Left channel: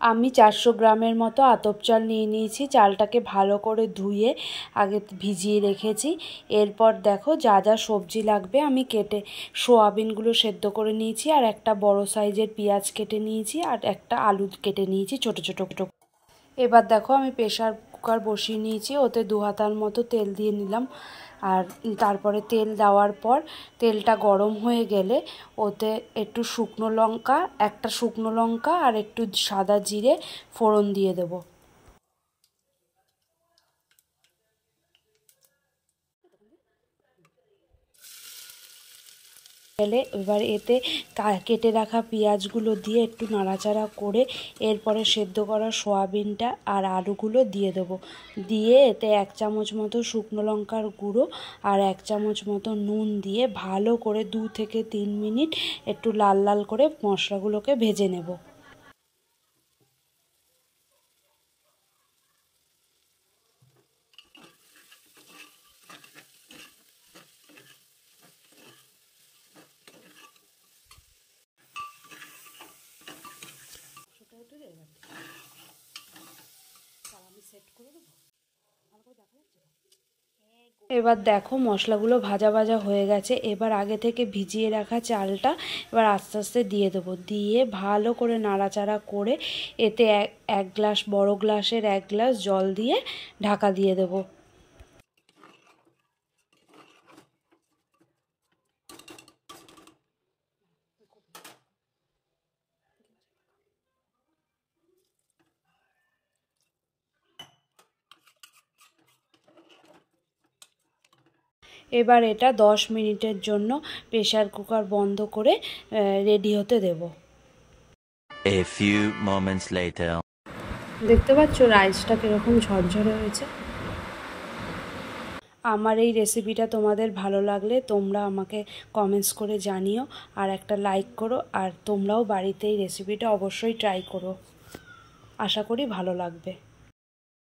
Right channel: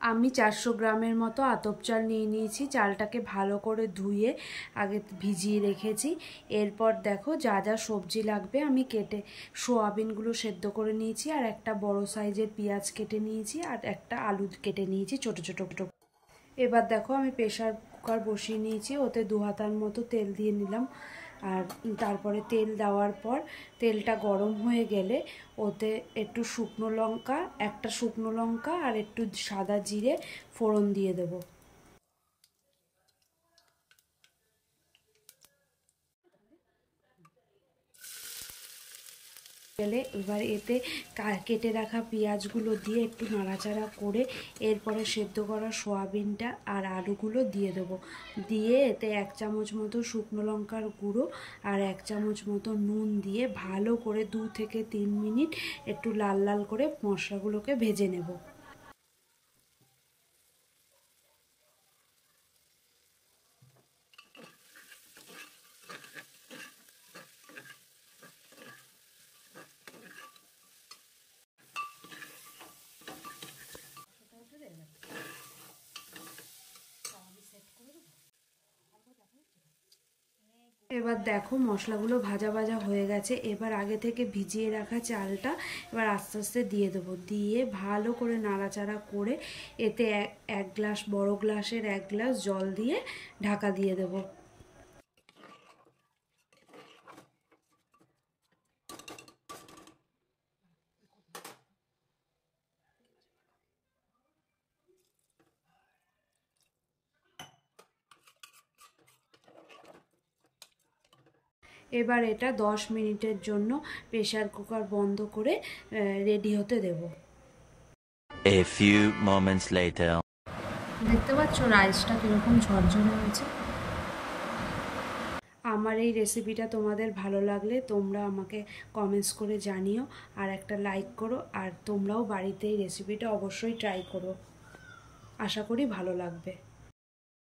আমি 400 গ্রামের মতো আতপ চাল নিয়ে নিয়েছি। চালটাকে ভালো করে ধুয়ে আগে ভিজিয়ে রেখেছি। এরপর দেখো যা যা সবজি লাগবে আমি কেটে সোয়াবিনগুলো সেদ্ধ করে নিয়েছি, আর একটা বড় সাইজের পেঁয়াজ কেটে নিয়েছি, আর একটা আলু কেটে নিয়েছি ছোটো ছোটো। এবার দেখো আমি প্রেসার কুকার বসিয়ে নিয়েছি, ওতে 2 হাতার মতো তেল দিয়ে নিলাম। আর তারপরে তেল দেওয়ার পর তেলটা গরম হয়ে গেলে ওতে একটু একটা শুকনো লঙ্কা আর একটু সাদা জিরে ফোড়ন দিয়ে দেবো। এবার এতে কেটে রাখা পেঁয়াজগুলো দিয়ে একটু নাড়াচাড়া করে এরপরে সেদ্ধ করা সয়াবিনটা আর আলুগুলো দিয়ে দেবো। দিয়ে এতে 1 চামচ মতো শুকনো লঙ্কার গুঁড়ো আর 1 চামচ মতো নুন দিয়ে ভালো করে 2 থেকে 3 মিনিট একটু লাল লাল করে মশলাগুলোকে ভেজে নেব। এবার দেখো মশলাগুলো ভাজা ভাজা হয়ে গেছে। এবার আগে থেকে ভিজিয়ে রাখা চালটা এবার আস্তে আস্তে দিয়ে দেবো। দিয়ে ভালো করে নাড়াচাড়া করে এতে এক গ্লাস, বড় গ্লাসের 1 গ্লাস জল দিয়ে ঢাকা দিয়ে দেবো। এবার এটা 10 মিনিটের জন্য প্রেসার কুকার বন্ধ করে রেডি হতে দেব। A few moments later. দেখতে পাচ্ছ রাইসটা কীরকম ঝরঝরে হয়েছে। আমার এই রেসিপিটা তোমাদের ভালো লাগলে তোমরা আমাকে কমেন্টস করে জানিও, আর একটা লাইক করো, আর তোমরাও বাড়িতে এই রেসিপিটা অবশ্যই ট্রাই করো। আশা করি ভালো লাগবে।